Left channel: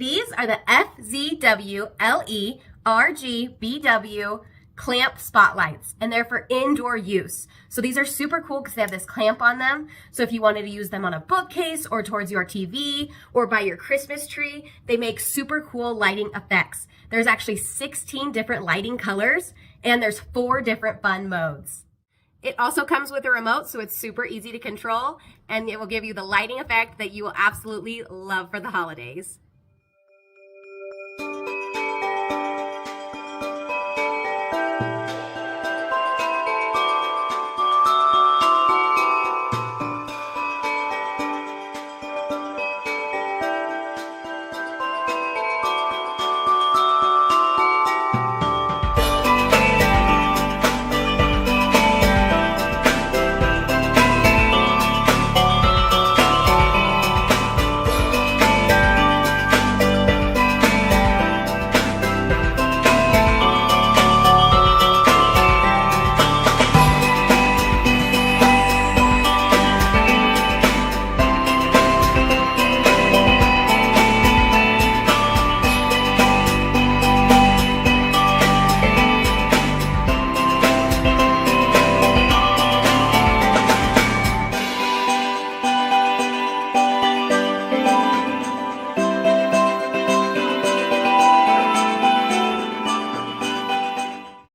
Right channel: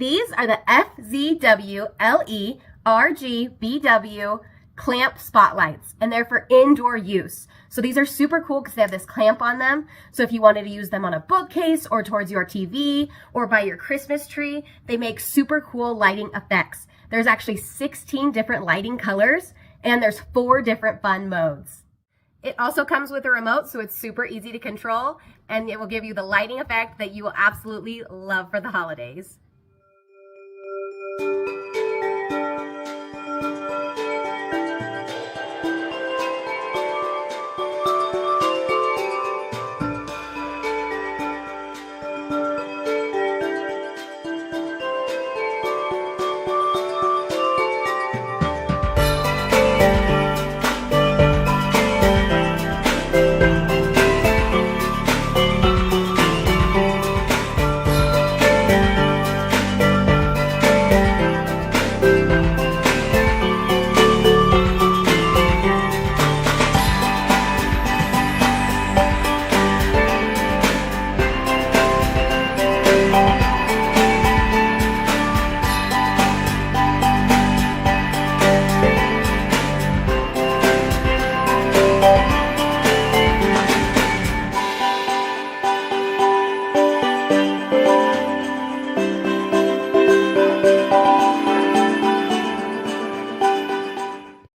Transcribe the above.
These are the FZWLE RGBW clamp spotlights, and they're for indoor use. So these are super cool because they have this clamp on them. So if you wanted to use them on a bookcase or towards your TV or by your Christmas tree, they make super cool lighting effects. There's actually 16 different lighting colors, and there's 4 different fun modes. It also comes with a remote, so it's super easy to control, and it will give you the lighting effect that you will absolutely love for the holidays.